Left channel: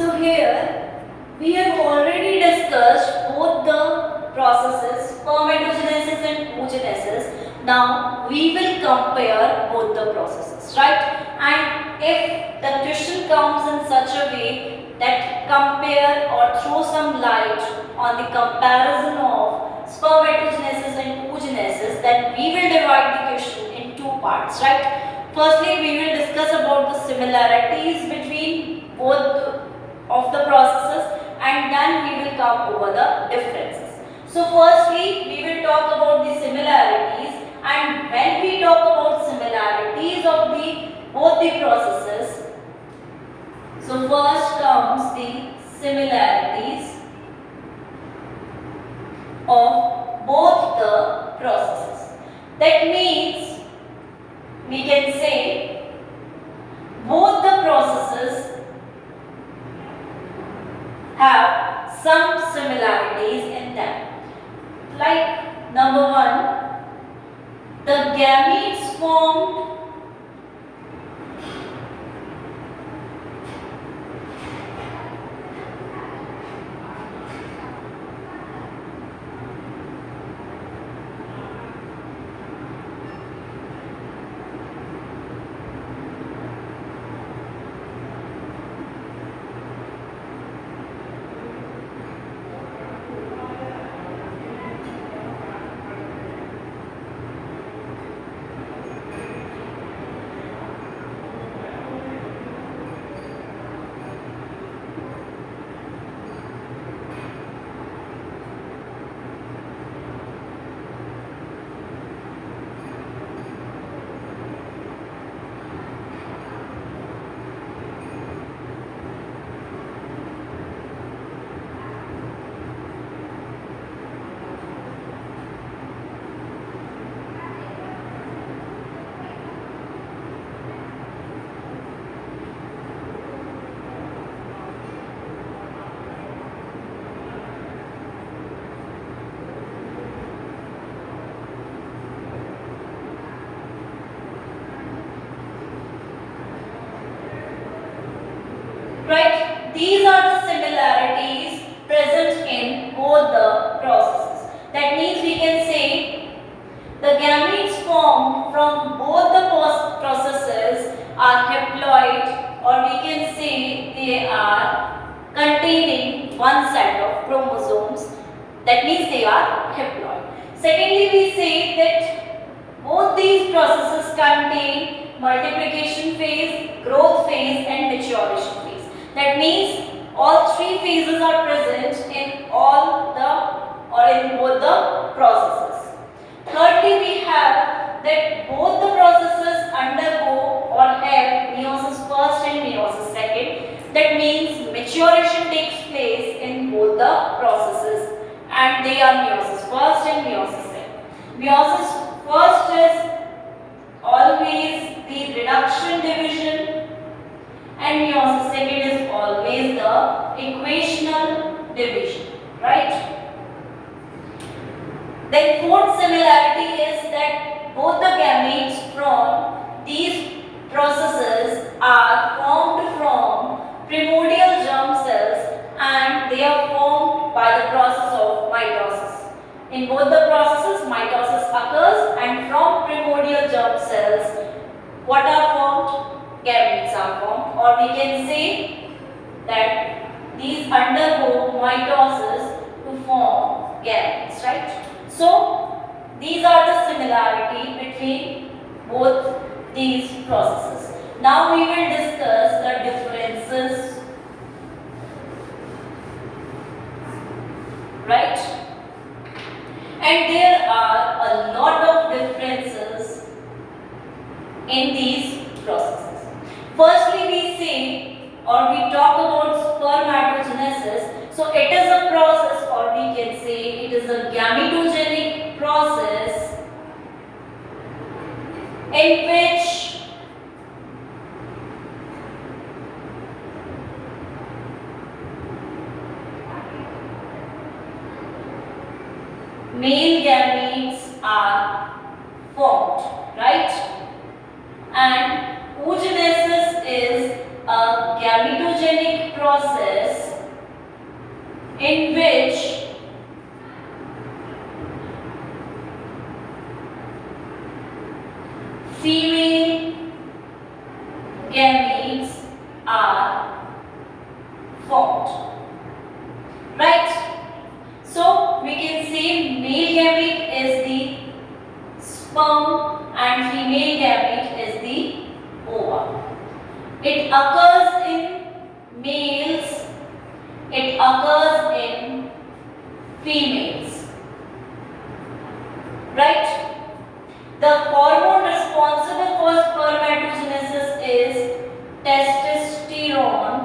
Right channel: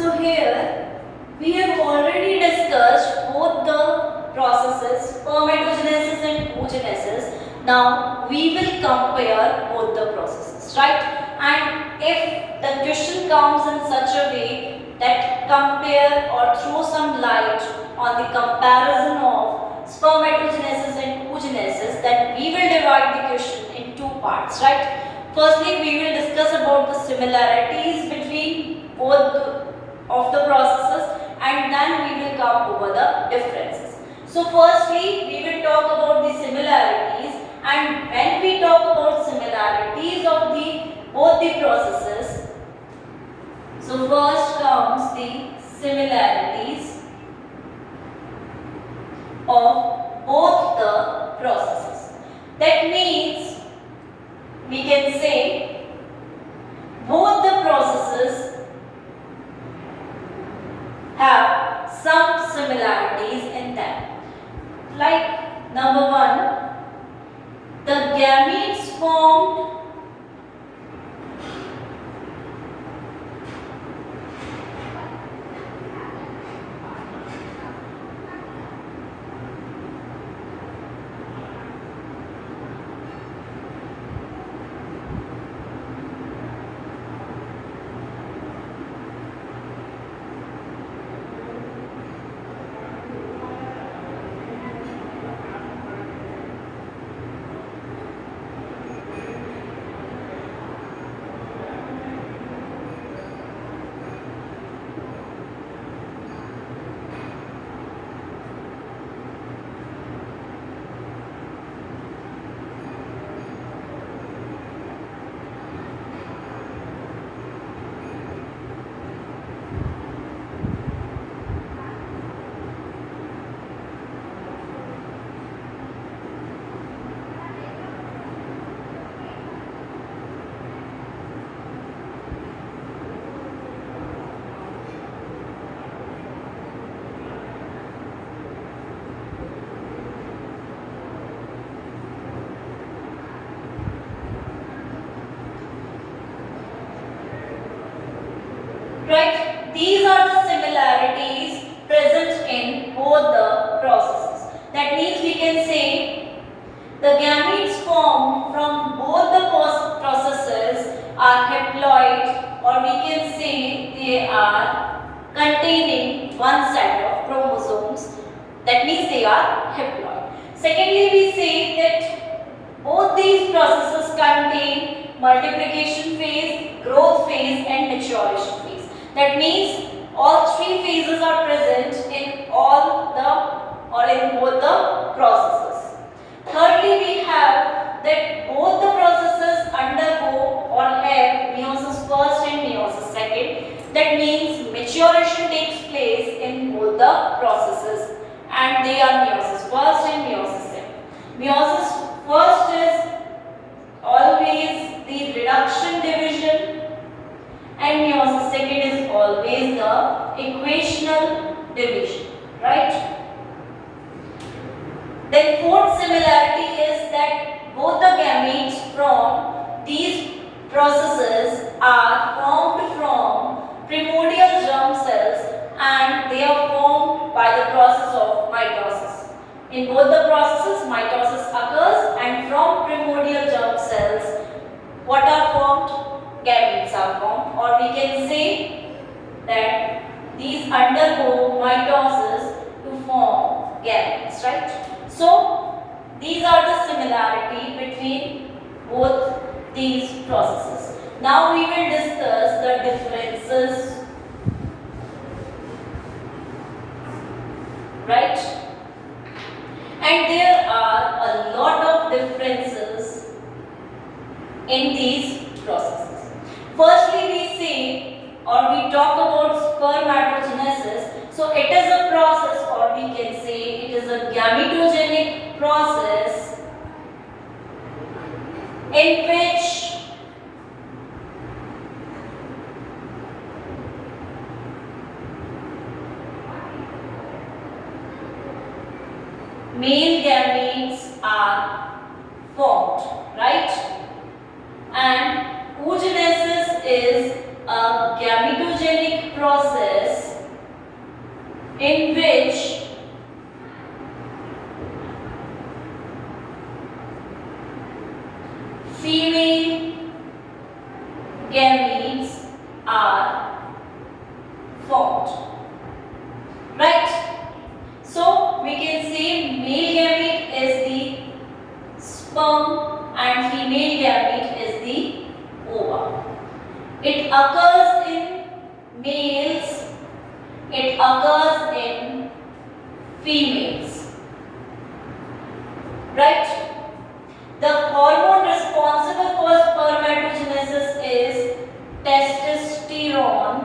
So here we have already discussed both the processes, spermatogenesis and oogenesis. Now we will compare both the processes, right? And if the question comes in such a way that compare or throw some light on the comparison of spermatogenesis and oogenesis, then we will divide the question in two parts, right? Firstly, we will discuss about the similarities between both of the processes, and then we will come over the differences. So firstly, we will talk about the similarities, and when we talk about similarities of the both the processes, so first comes the similarities of both the processes. That means we can say both the processes have some similarities in them. Like number one, the gametes formed right? These are the similarities present in both the processes. That means we can say the gametes formed from both the processes are haploid, or we can say they are containing one set of chromosomes. That means they are haploid. Secondly, we say that both these processes contain multiplication phase, growth phase and maturation phase. That means all three phases are present in all the or in both the processes. Thirdly, we have that both the processes undergo or have meiosis first and meiosis second. That means maturation takes place in both the processes, and they are meiosis first and meiosis second. Meiosis first is always the reduction division, and meiosis second is always the equational division, right? Then fourth similarity is that both the gametes from these processes are formed from primordial germ cells, and they are formed by the process of mitosis. In both the processes, mitosis occurs, and from primordial germ cells, what are formed? Gametes are formed, or we can say that these undergo mitosis to form gametes, right? So these are the similarity between both these processes. Now we will discuss the differences, right? And there are a lot of differences in these processes. Firstly, we say or we talk about spermatogenesis. So it is a process, or we can say it is a gametogenic process in which male gametes are formed, right? And oogenesis is a gametogenic process in which female gametes are formed. Right? So we can say male gamete is the sperm and female gamete is the ova. It occurs in males, it occurs in females. Right? The hormone responsible for spermatogenesis is testosterone.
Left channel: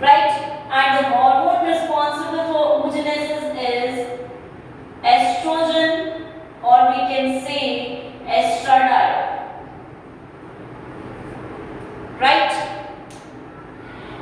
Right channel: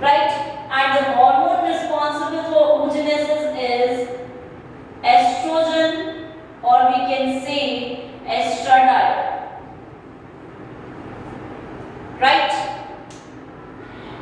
Right? And the hormone responsible for oogenesis is estrogen, or we can say estradiol. Right?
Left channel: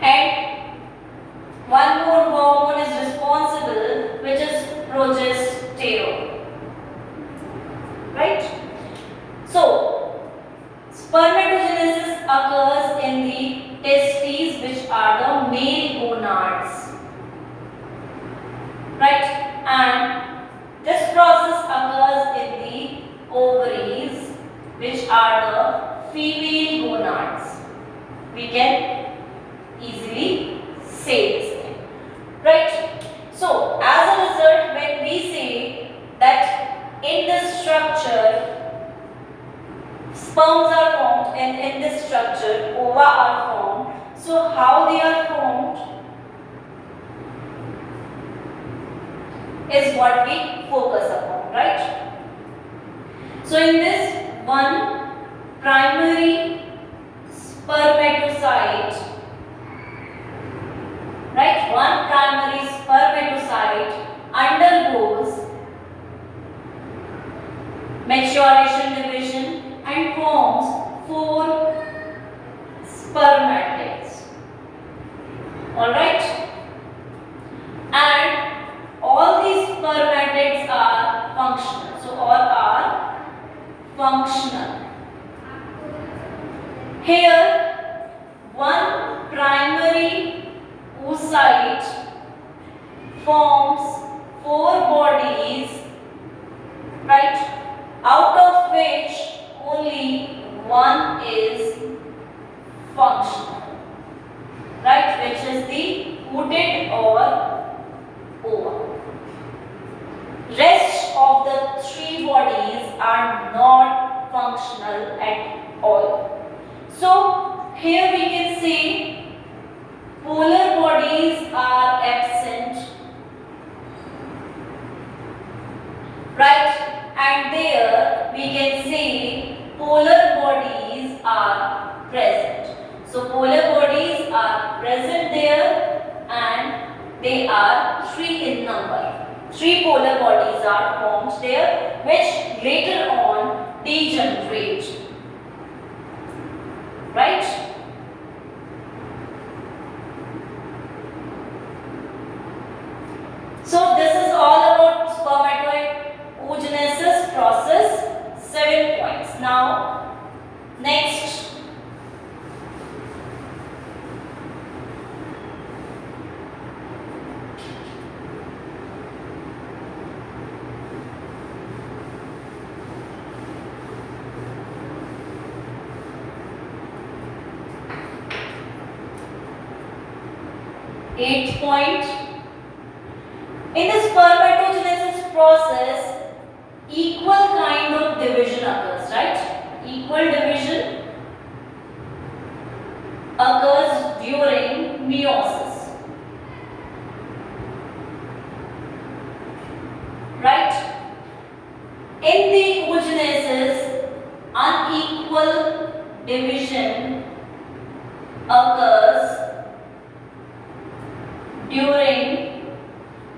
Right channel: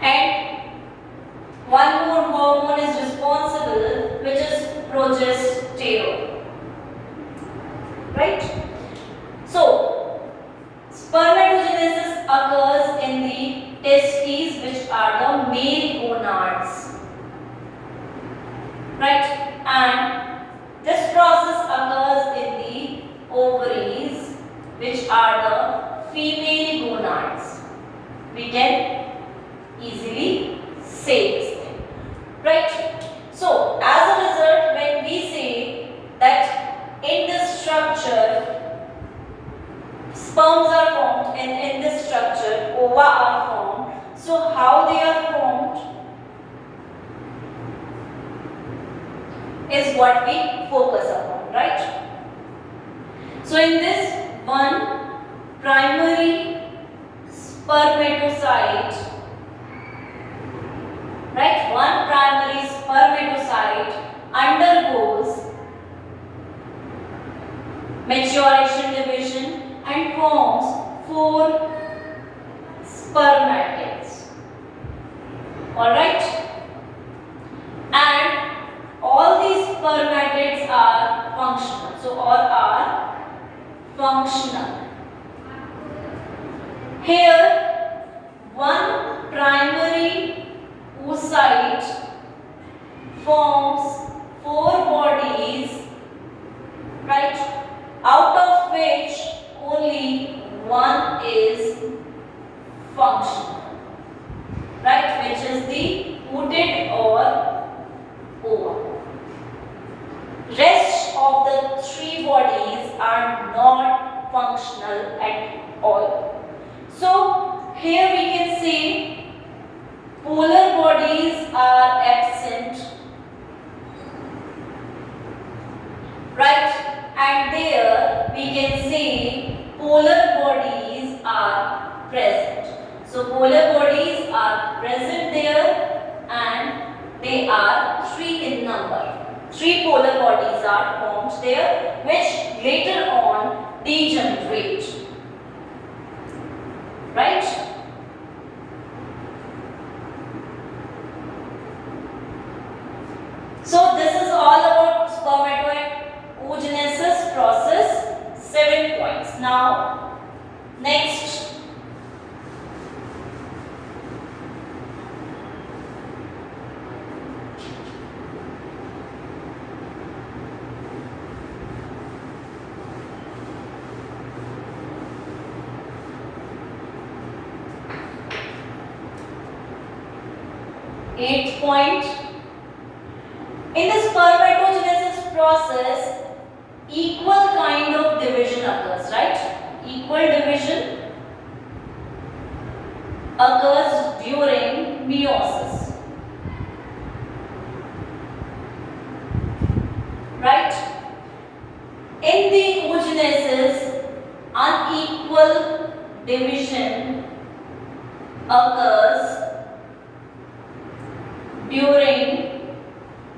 And one more hormone is responsible, which is progesterone. Right? So, spermatogenesis occurs in the testes, which are the male gonads. Right? And this process occurs in the ovaries, which are the female gonads. We can easily say this thing. Right? So, as a result, when we say that in this structure sperms are formed and in this structure ova are formed, so how they are formed is what we focus upon, right? So in this, one primary spermatocyte, right, one primary spermatocyte undergoes maturation division and forms 4 spermatids. Alright? And all these spermatids are functional. So all are functional. Here, one primary oocyte forms 4 bodies, right? Out of which only one is functional, right? Which is the ooted or ova. Rest of the 3 bodies are not functional at all. So here we can see polar bodies are absent, right? And there we can say polar bodies are present. So polar bodies are present there and they are 3 in number. 3 polar bodies are formed there, which later on degenerate. Right? So this is all about spermatoid oogenesis process, 7 points. Now, next. Eighth point. In the spermatogenesis process, equal kind of division occurs, right? Equal division occurs during meiosis, right? In the oogenesis, unequal division occurs during,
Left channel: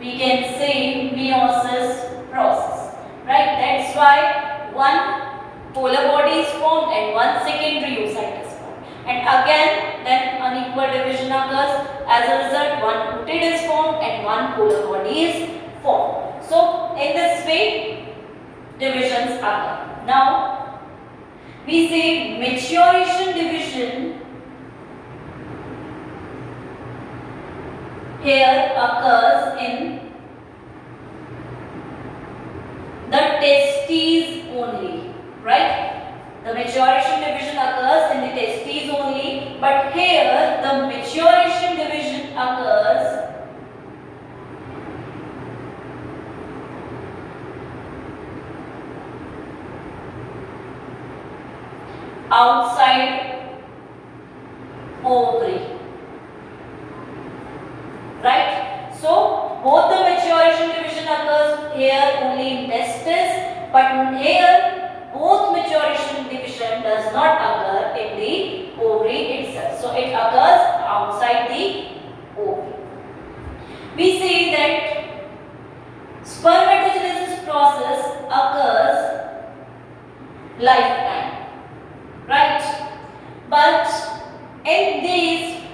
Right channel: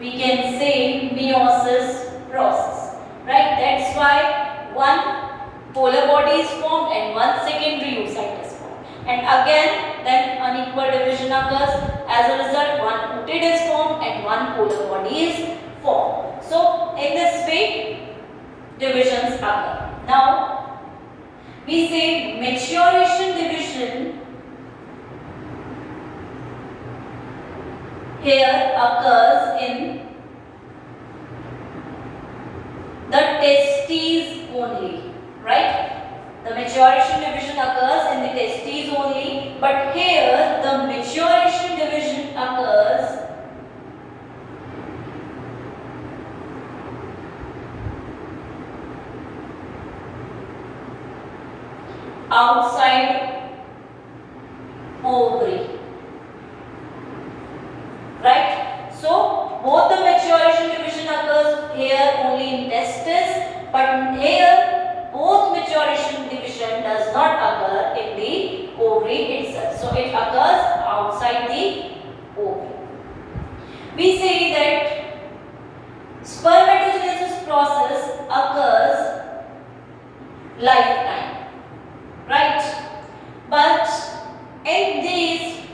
we can say, meiosis process, right? That's why one polar body is formed and one secondary oocyte is formed. And again, then unequal division occurs. As a result, one oocyte is formed and one polar body is formed. So, in this way, divisions occur. Now, we say maturation division here occurs in the testes only, right? The maturation division occurs in the testes only, but here the maturation division occurs outside ovary, right? So both the maturation division occurs here only in testes, but here both maturation division does not occur in the ovary itself. So it occurs outside the ovary. We say that spermatogenesis process occurs lifetime, right? But in these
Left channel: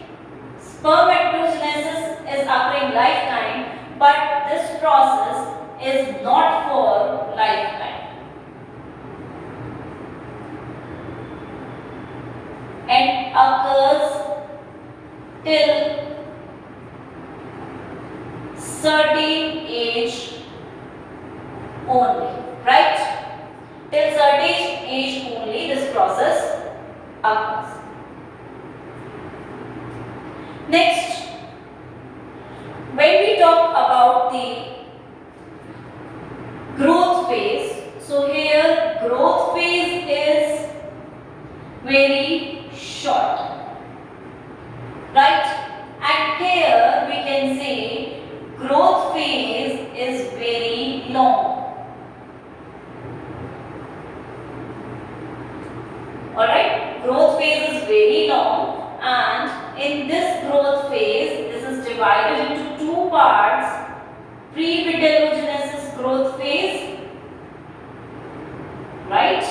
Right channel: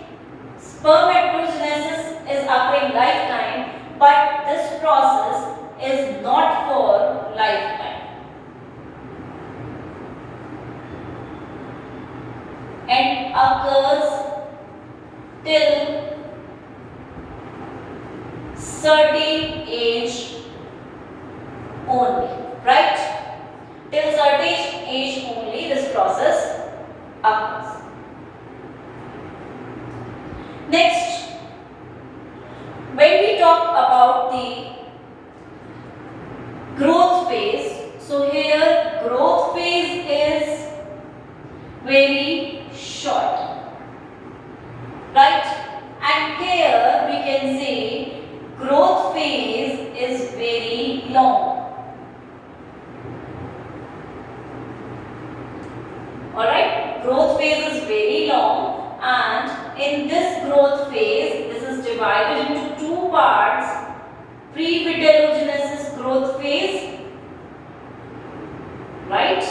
spermatogenesis is occurring lifetime, but this process is not for lifetime. And occurs till certain age only, right? Till certain age only this process occurs. Next, when we talk about the growth phase, so here growth phase is very short, right? And here we can say growth phase is very long. Alright, growth phase is very long, and in this growth phase, this is divided into two parts: pre-vitellogenesis growth phase, right?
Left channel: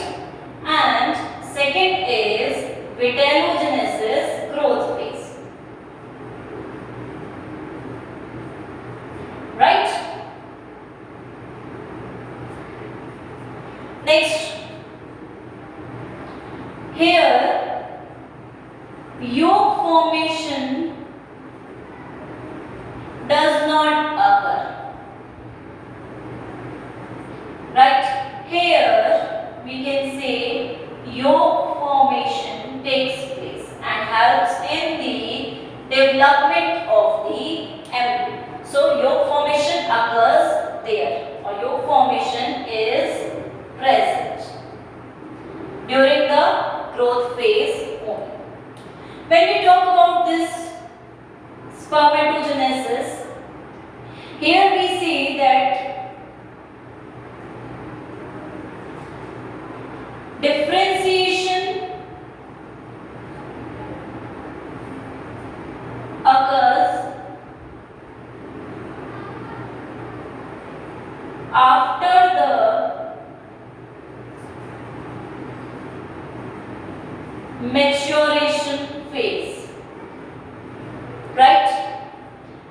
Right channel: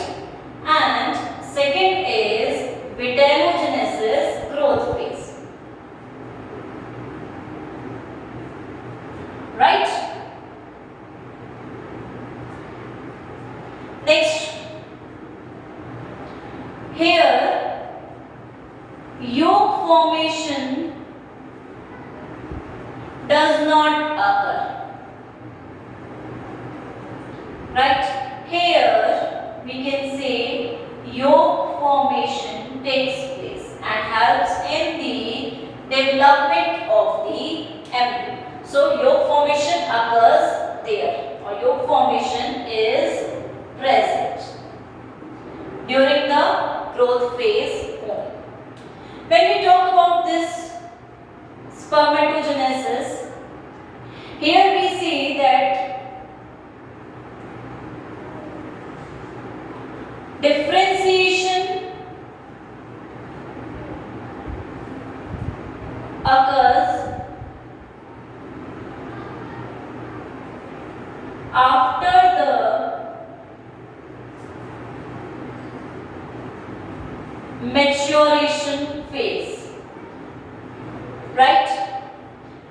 And second is vitellogenesis growth phase, right? Next, here yolk formation does not occur, right? Here we can say yolk formation takes place and helps in the development of the embryo. So yolk formation occurs there, or yolk formation is present during the growth phase only. When we talk about this spermatogenesis, here we see that differentiation occurs after the maturation phase, right?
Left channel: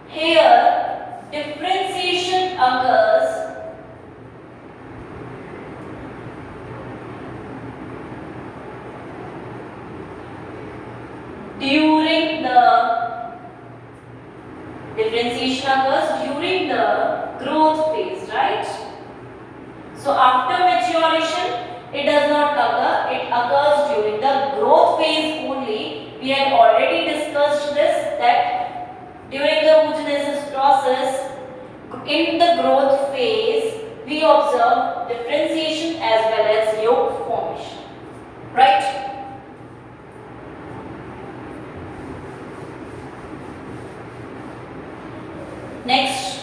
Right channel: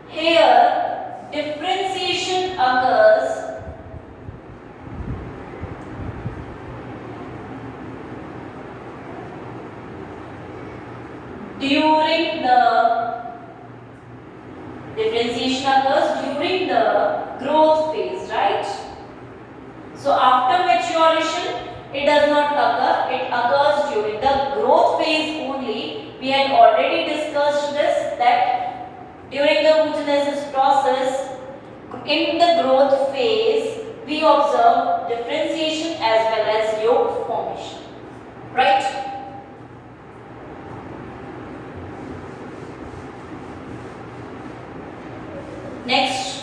Here differentiation occurs during the growth phase, right? So after maturation it does not occur, it occurs during the growth phase only. We had already discussed this, that during the oogenesis process, in the growth phase, we observe differentiation as well as yolk formation, right? Next,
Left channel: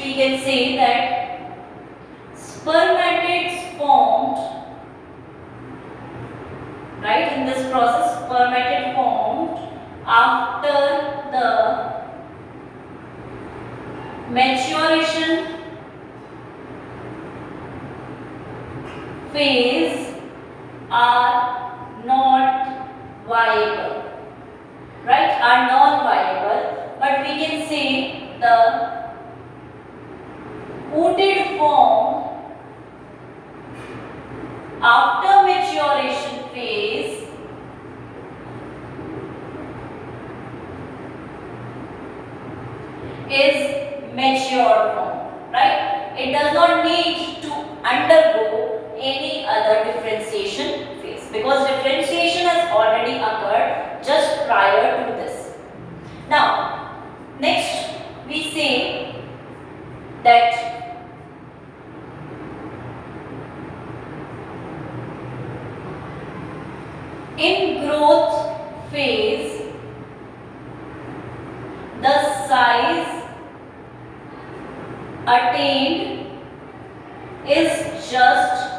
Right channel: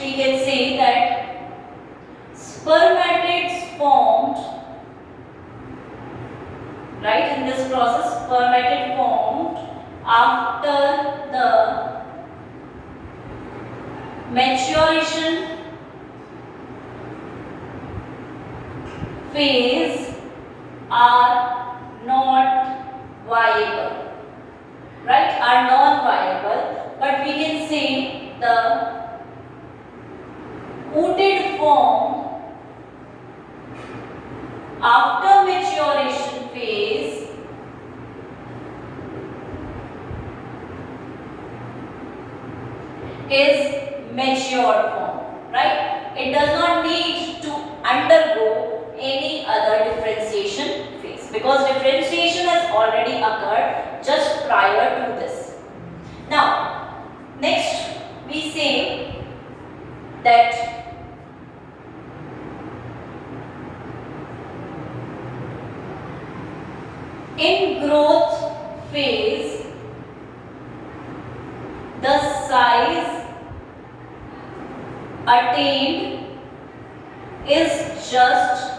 we can say that spermatids formed, right, in this process, spermatid formed after the maturation phase are not viable, right, are non-viable, after maturation phase is mature form, right? It does not need to undergo any other differentiation phase because differentiation has already occurred just prior to this. Now, next we say that in growth phase, the size attained is just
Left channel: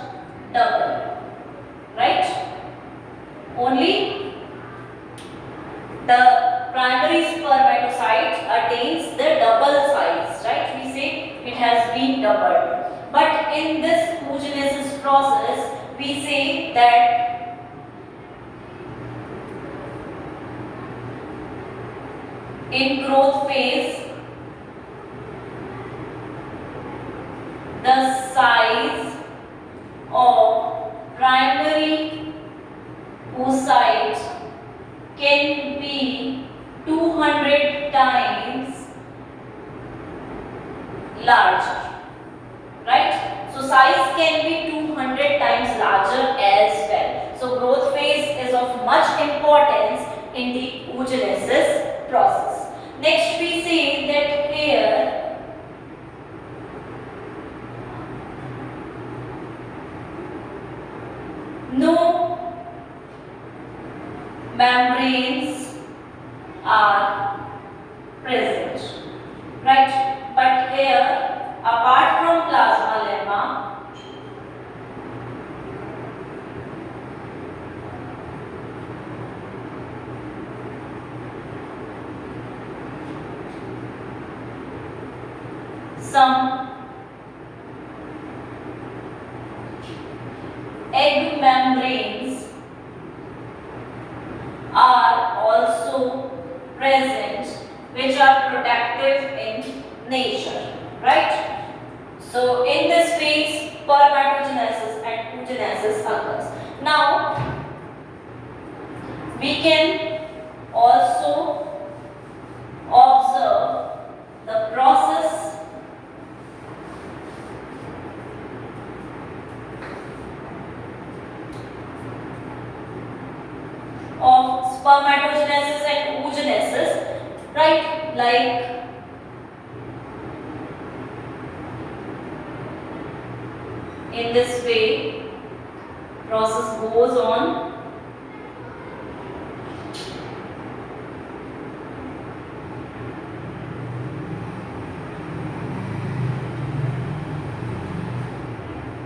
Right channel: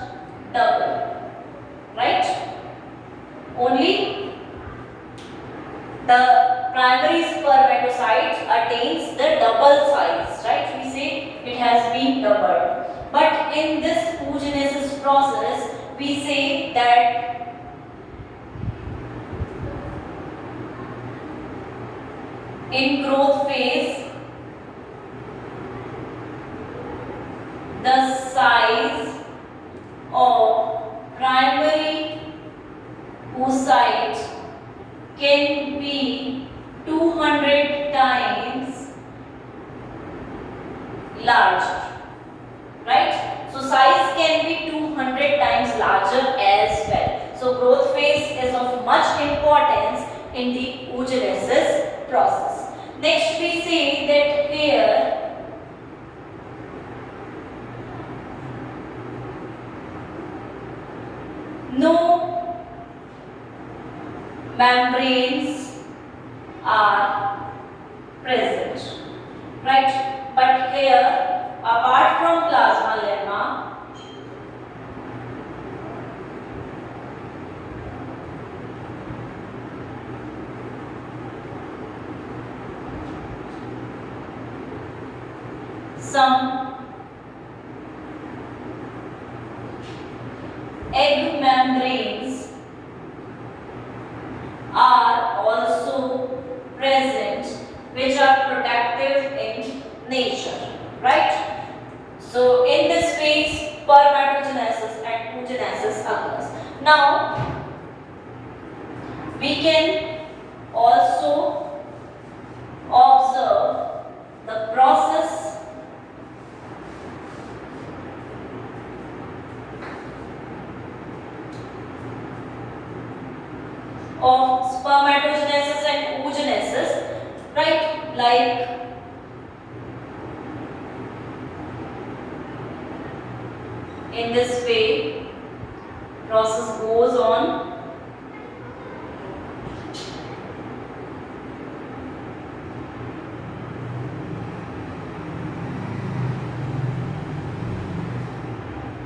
double, right? Only the primary spermatocyte attains the double size, right? We say it has been doubled. But in this oogenesis process, we say that in growth phase, the size of primary oocyte can be 200 times larger, right? So size can be 200 times larger as well. So growth phase is of much importance in the oogenesis process. Next we say that here no membranes are present, right? But here, apart from plasma lemma, some egg membranes are also present which are protective in nature, right? So in this phase spermatogenesis and oogenesis occurs. Now we can also observe the process of spermatogenesis and oogenesis, right? Like in this way, process goes on.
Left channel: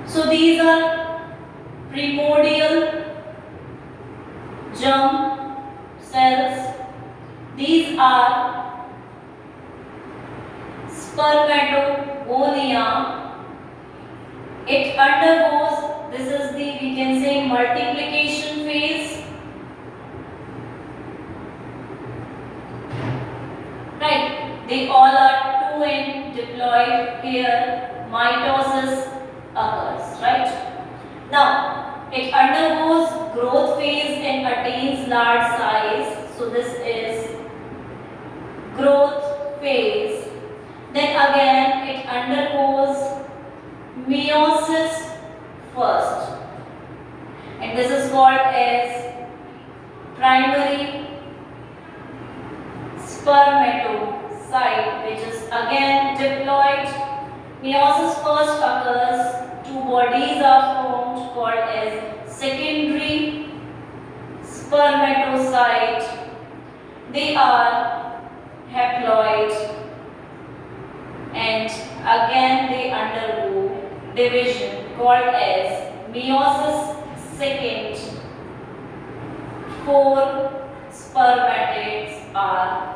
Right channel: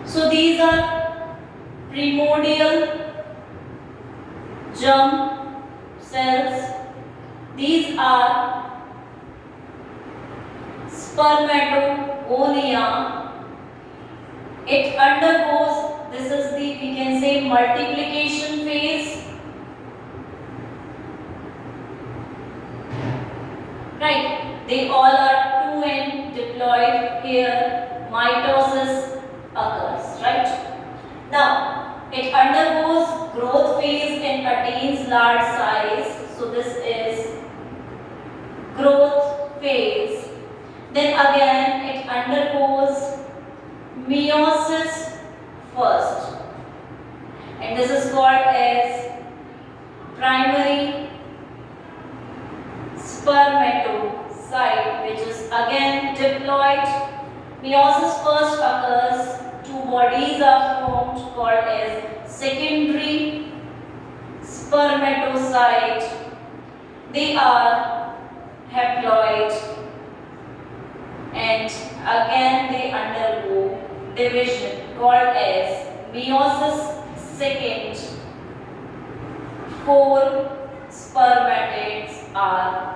So these are primordial germ cells. These are spermatogonia. It undergoes, this is the, we can say, multiplication phase, right? They all are 2n diploid. Here mitosis occurs, right? Now it undergoes growth phase and attains large size. So this is growth phase. Then again it undergoes meiosis first, and this is called as primary spermatocyte, which is again diploid. Meiosis first occurs, two bodies are formed called as secondary spermatocyte. They are haploid and again they undergo division called as meiosis second. 4 spermatids are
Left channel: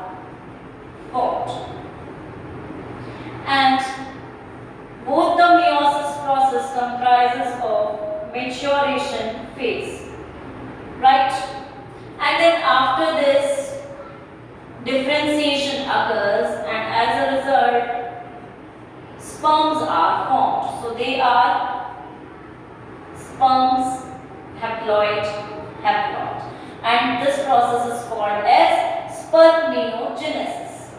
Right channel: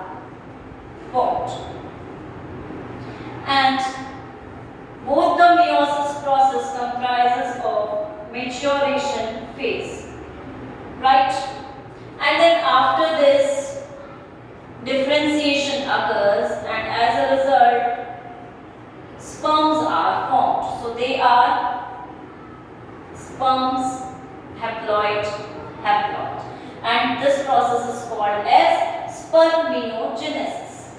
formed, and both the meiosis process comprises of maturation phase, right? And then after this differentiation occurs, and as a result sperms are formed. So they are sperms, haploid, haploid. And this process is called as spermiogenesis.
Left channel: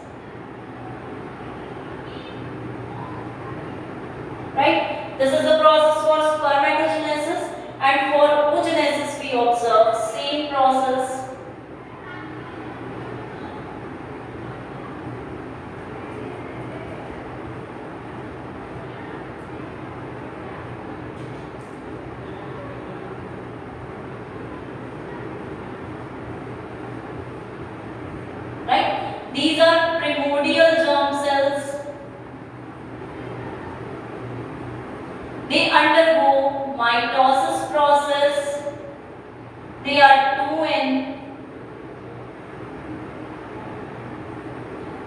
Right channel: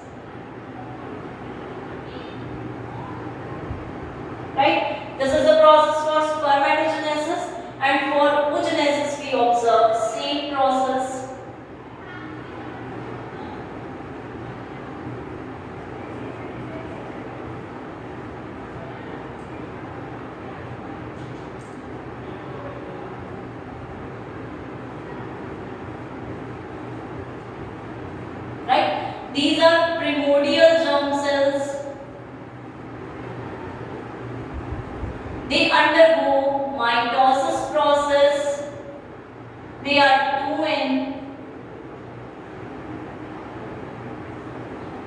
Right? This is the process for spermatogenesis, and for oogenesis we observe same process. Right? These are primordial germ cells. They undergo mitosis process. They are 2N,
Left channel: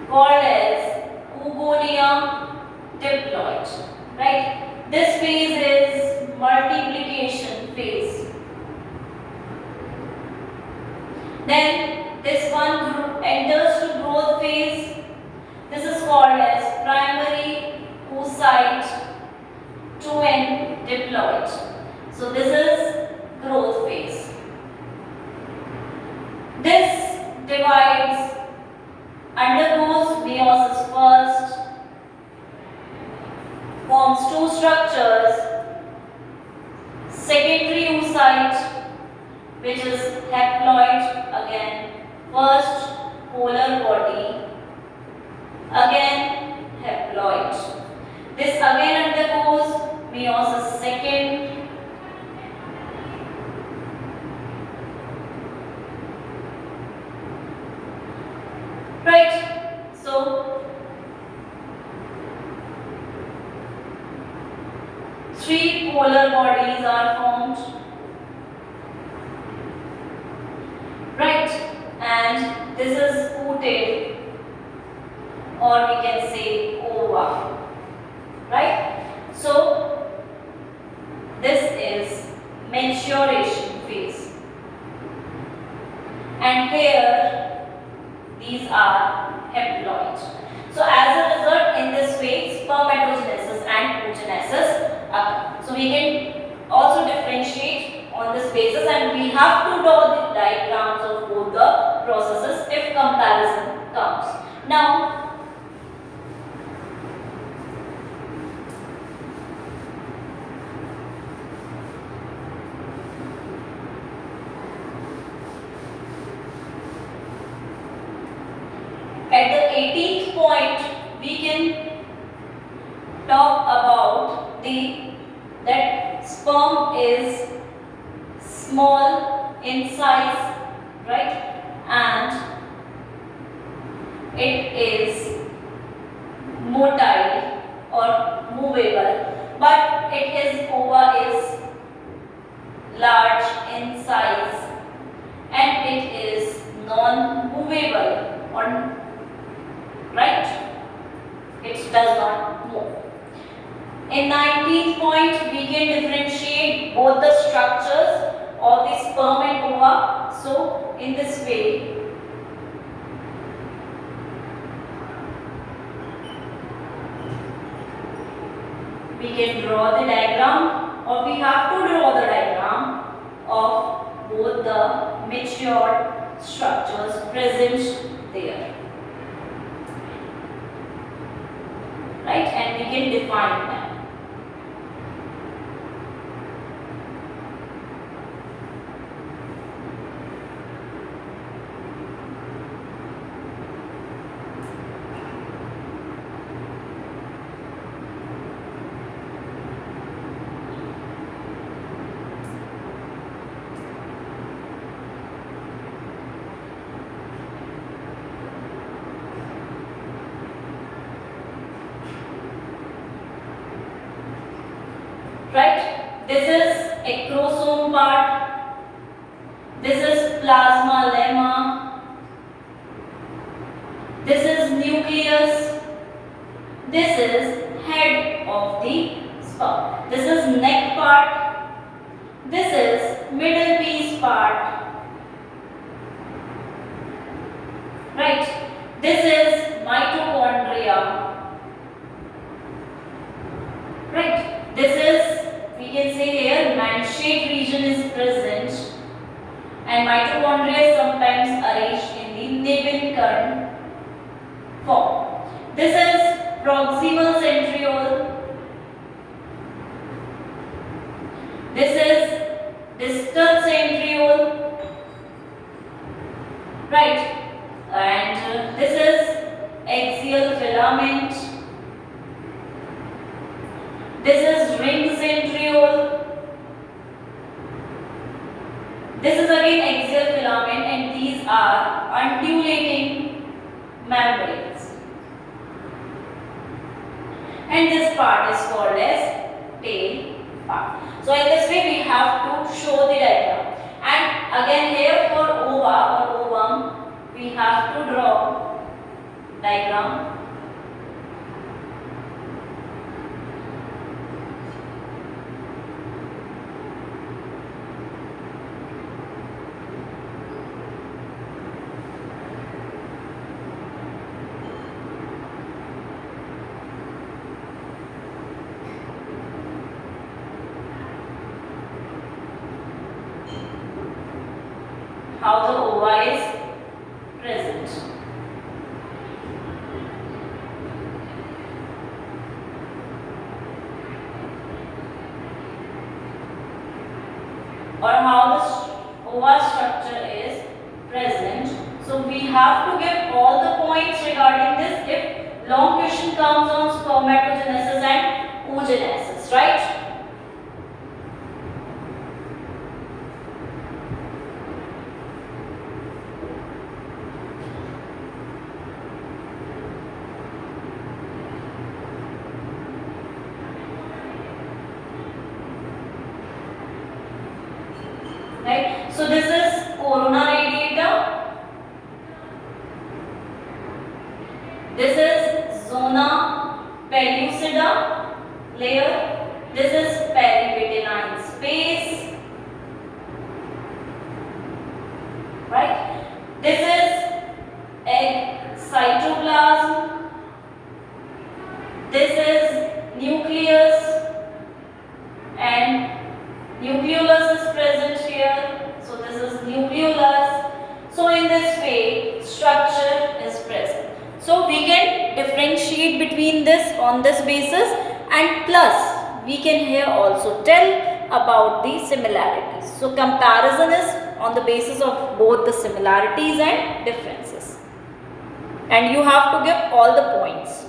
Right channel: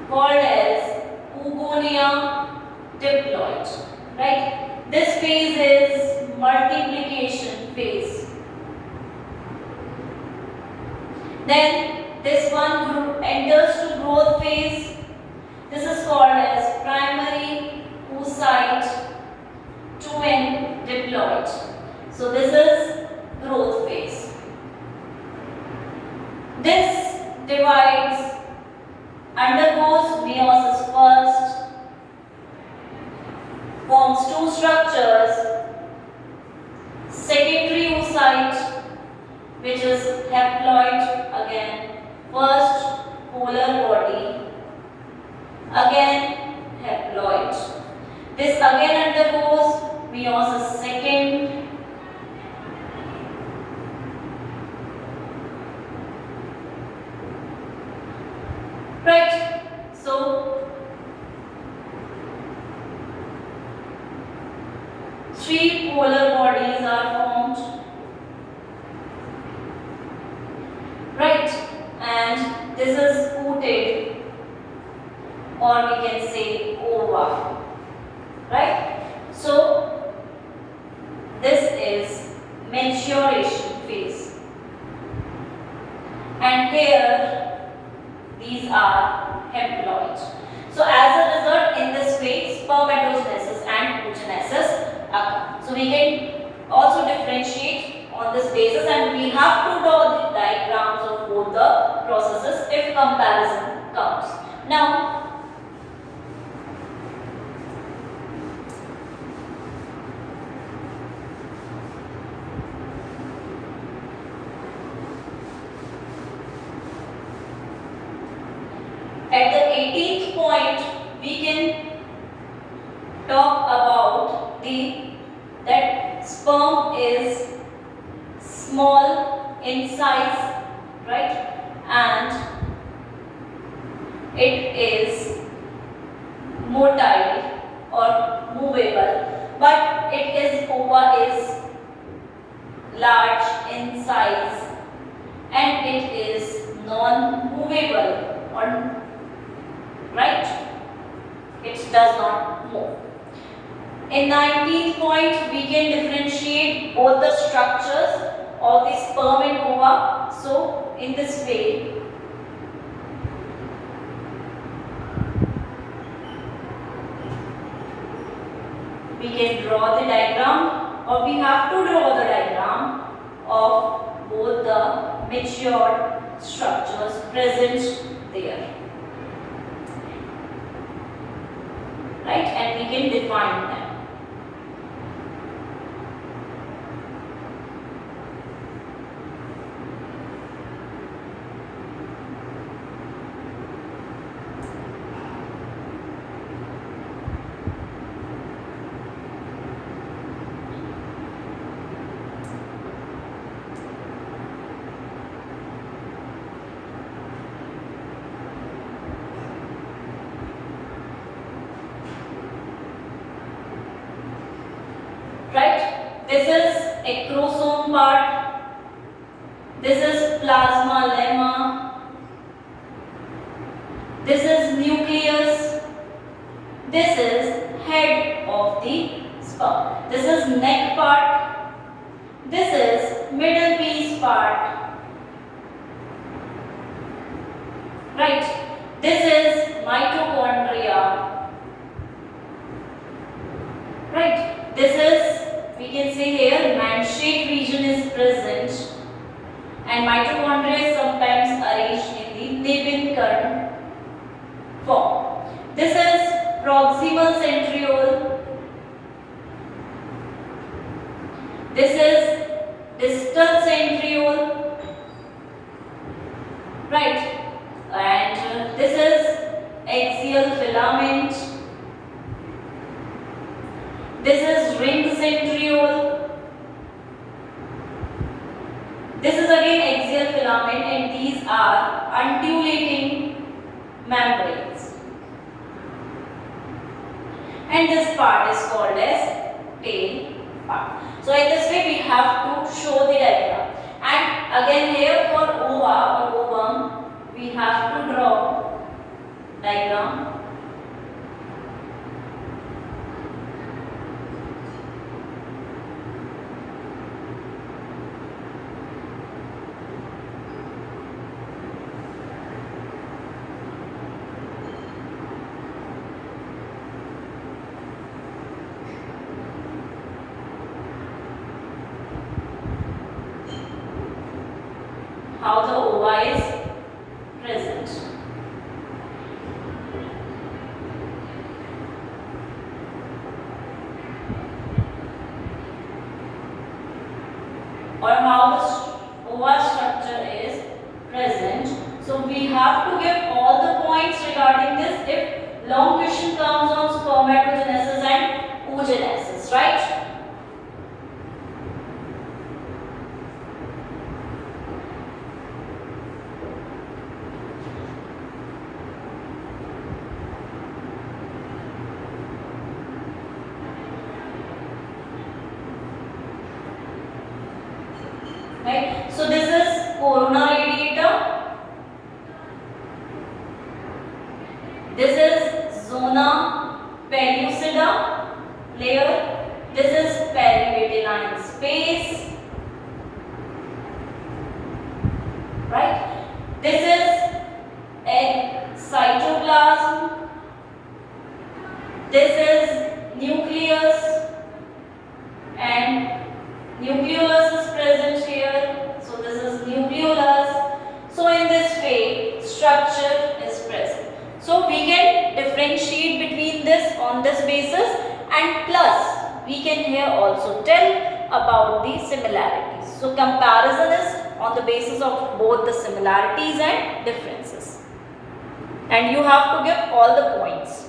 called as oogonia diploid. Right? This phase is multiplication phase. Then this one group enters to growth phase. This is called as primary oocyte 2N diploid. So this is growth phase. This divides, undergoes meiosis first, forms two structures, secondary oocyte, which is haploid again, first polar body, again haploid. This again undergoes meiosis second, right? So three polar bodies are formed, right? And this is ooted, or we can say ova, right? So this is maturation phase, and here these are haploid. So as a result, in this way, spermatogenesis and oogenesis occur. So we can also differentiate on this basis, and we have to draw the diagrams of both the processes if comparison comes. Now, at the 18th point, we can talk about that sperm is small in size, right? And it is motile or movable, but ova is large in size, and it is non-movable, or right? It does not move. In 19th point, we can differentiate both the structures of the sperm and ova. So in this way, we can draw the diagram, or we have to draw the diagram of both the matured structures present there. Right? And we can define them. Right? This is acrosome part. This is plasma lemma. This is nucleus. This is head of the sperm. This is neck part. This is middle piece part. Right? This is mitochondria. Right? This is, we can say here, man shape. and mitochondria is sometimes arranged in the Nevinkarn form. This is proximal centriole. This is distal centriole, right? And this is axial filament. This is ring centriole. This is again axial filament, and these are undulating membranes. And this part is called as tail part. So in this way we have to show the diagram. And again here for ova or ovum, we have to draw diagram. How the ova is present. Or how the ova structure is present. So we have to give all the points regarding this if long question comes on spermatogenesis and oogenesis, right? Right? So this is corona radiata. This is zona pellucida layer. This is perivitelline space. Right? This is egg cytoplasm. This is nucleus, and nucleolus is present here. So this is nucleolus. So in this way structure is present. So we can differentiate between this on this basis, and plus we can here also tell about the similarities. So comparison is on the basis of both the similarities and differences, and you have to give all the points.